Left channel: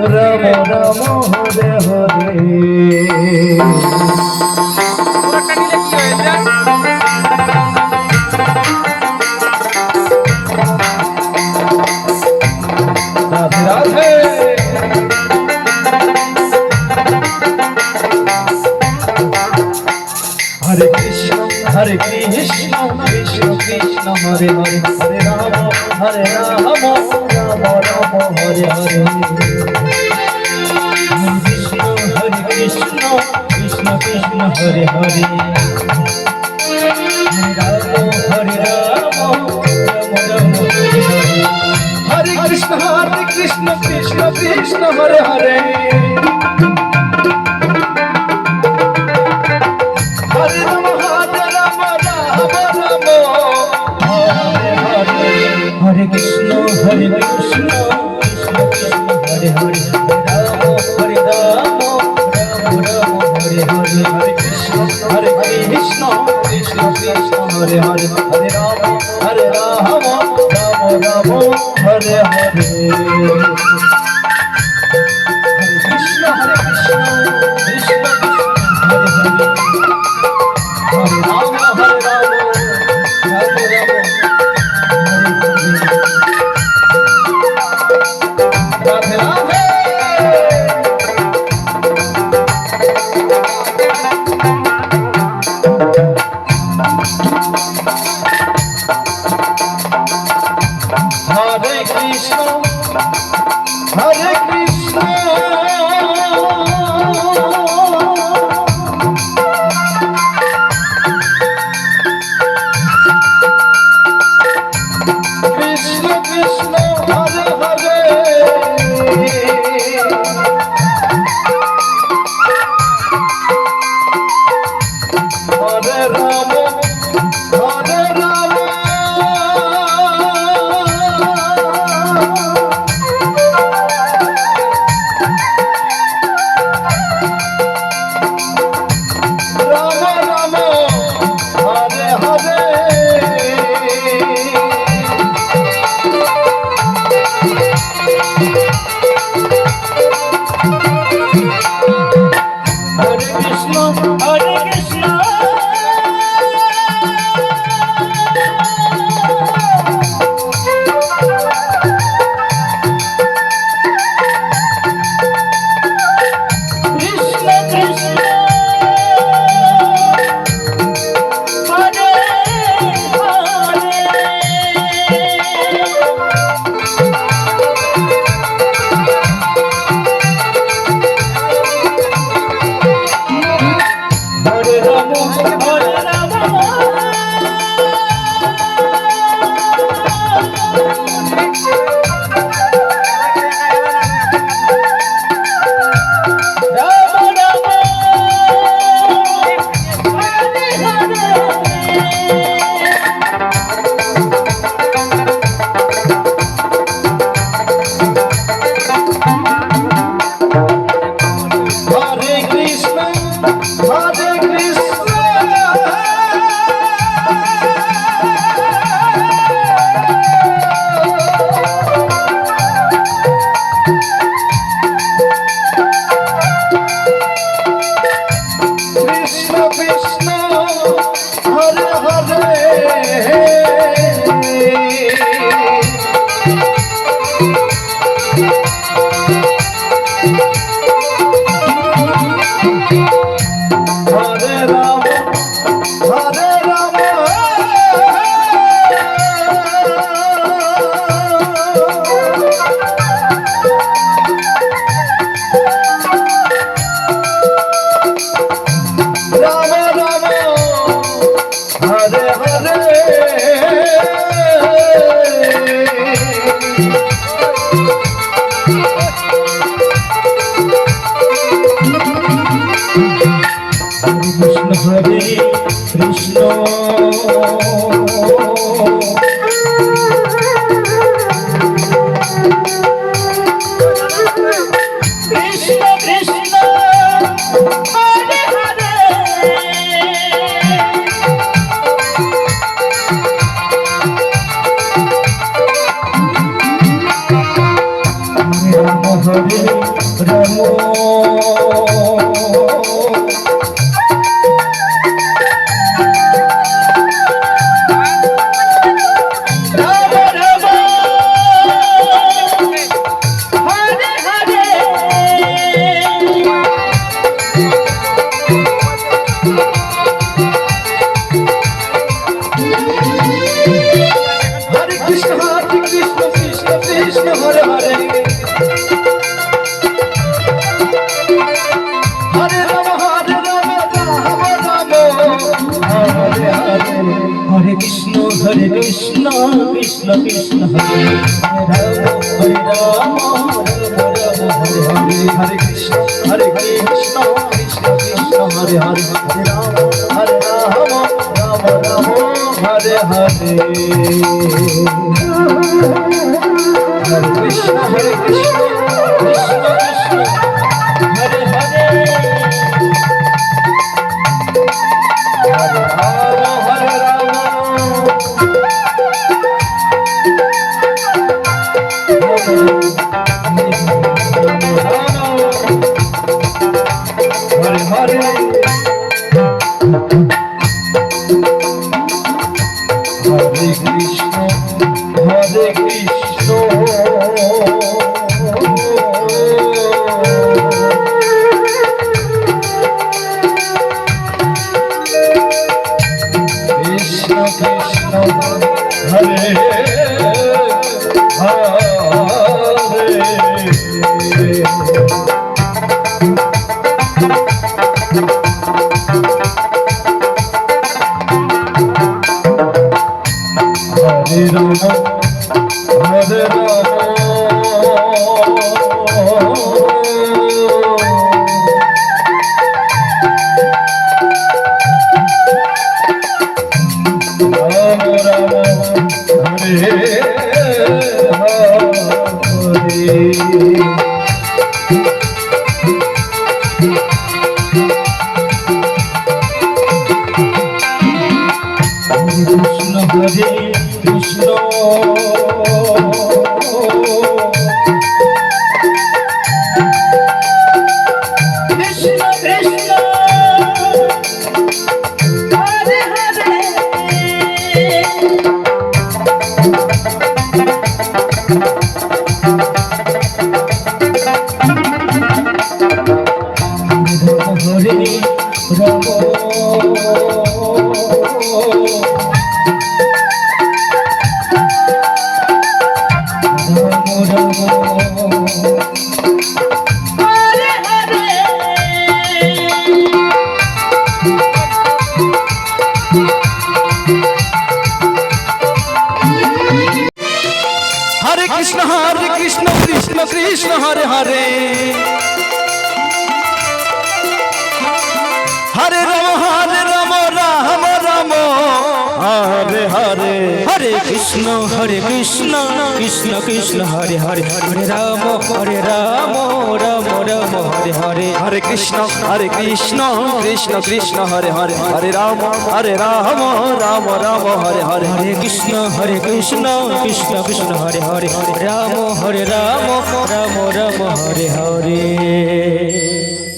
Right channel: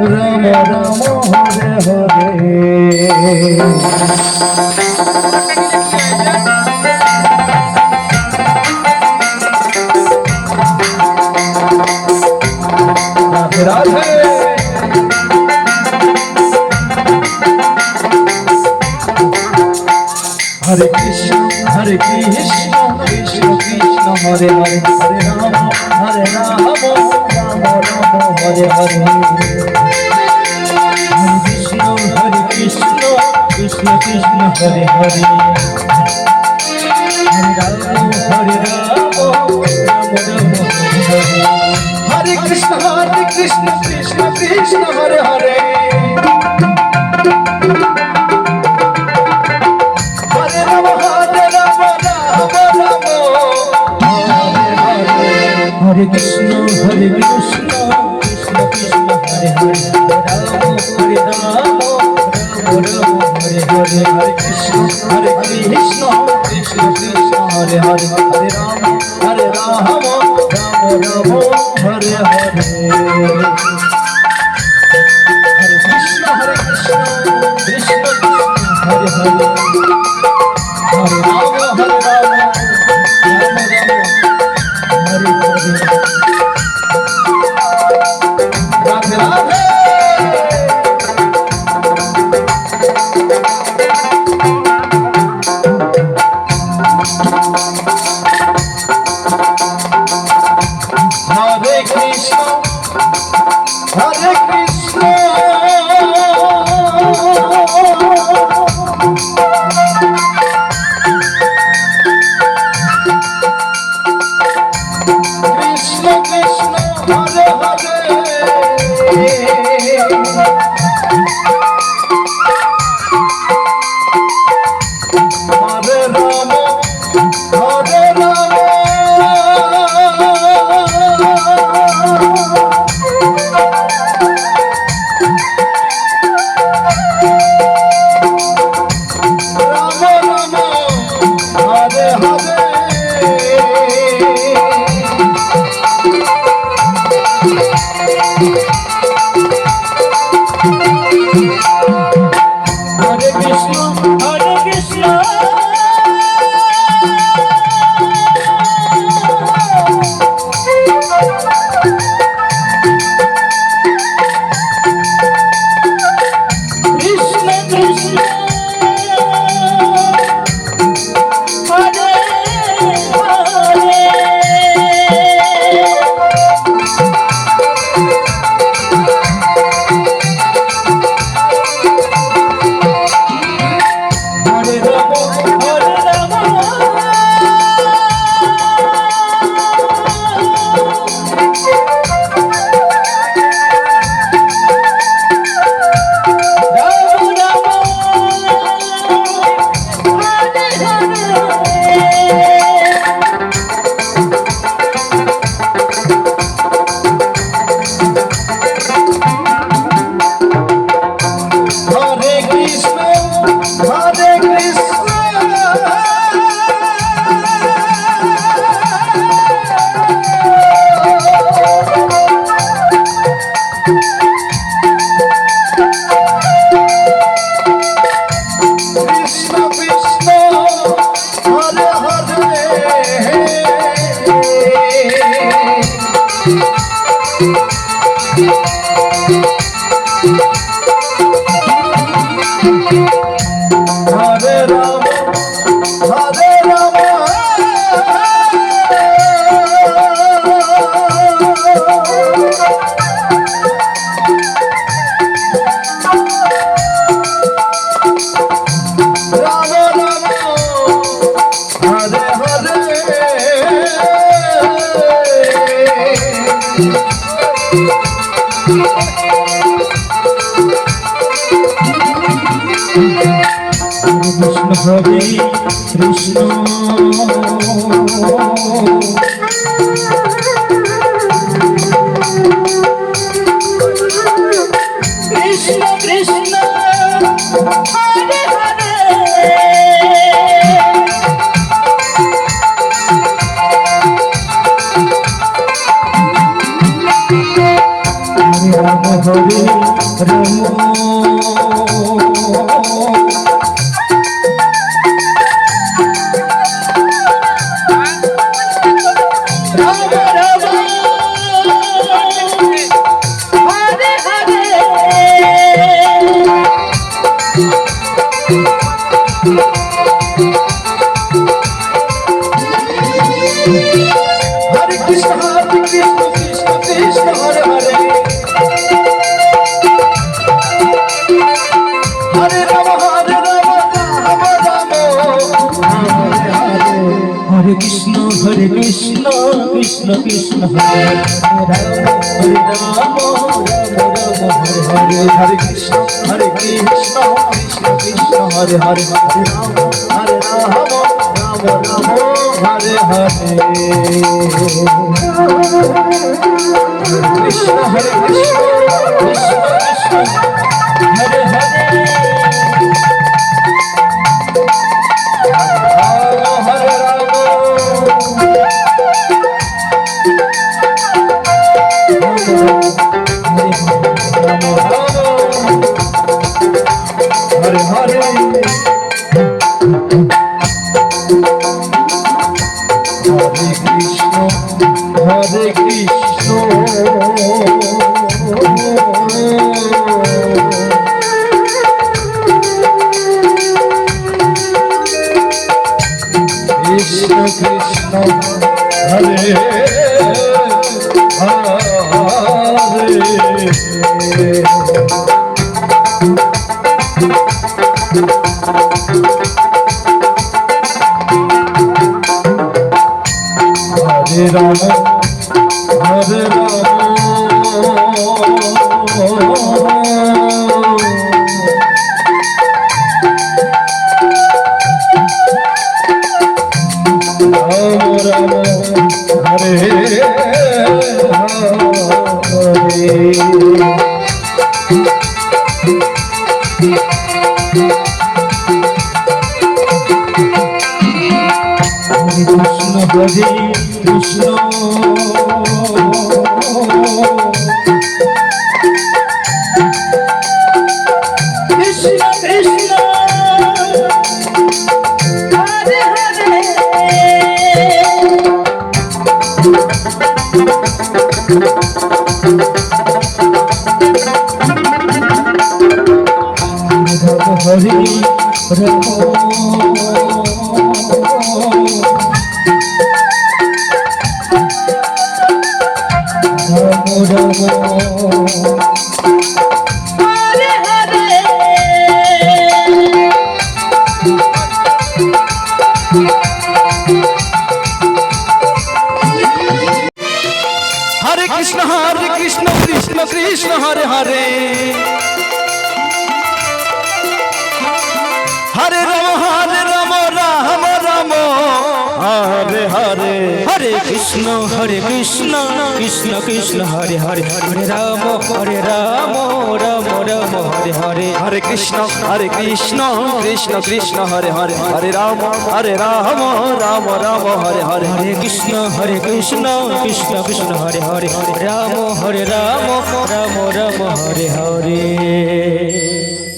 Ram Ram Hare Hare. Radhe Radhe. Hare Krishna Krishna Krishna Hare Hare, Hare Ram Ram Hare Hare. Krishna Hare Krishna Krishna Krishna Hare Hare, Ram Hare Ram Ram Hare Hare. Hare Krishna Krishna Krishna Hare Hare, Hare Ram Hare Krishna Krishna Krishna Hare Hare, Ram Hare Ram Ram Hare Hare. Hare Krishna Krishna Krishna Hare Hare, Hare Ram Ram Ram Hare Hare. Hare Krishna Krishna Hare Hare, Hare Ram Ram Ram Hare Hare. Radhe Radhe. Hare Krishna Krishna Krishna Hare Hare, Hare Ram Hare Ram Krishna Krishna Hare Rama Hare Hare Hare Krishna Krishna Krishna Hare Hare Hare Rama Rama Hare Hare Hare Krishna Krishna Krishna Hare Hare Krishna Krishna Krishna Hare Hare Hare Rama Rama Rama Hare Hare Hare Krishna Krishna Krishna Hare Hare Hare Rama Rama Rama Hare Hare Hare Krishna Krishna Krishna Hare Hare Hare Rama Rama Rama Hare Hare Hare Krishna Krishna Krishna Hare Hare Hare Rama Rama Rama Hare Hare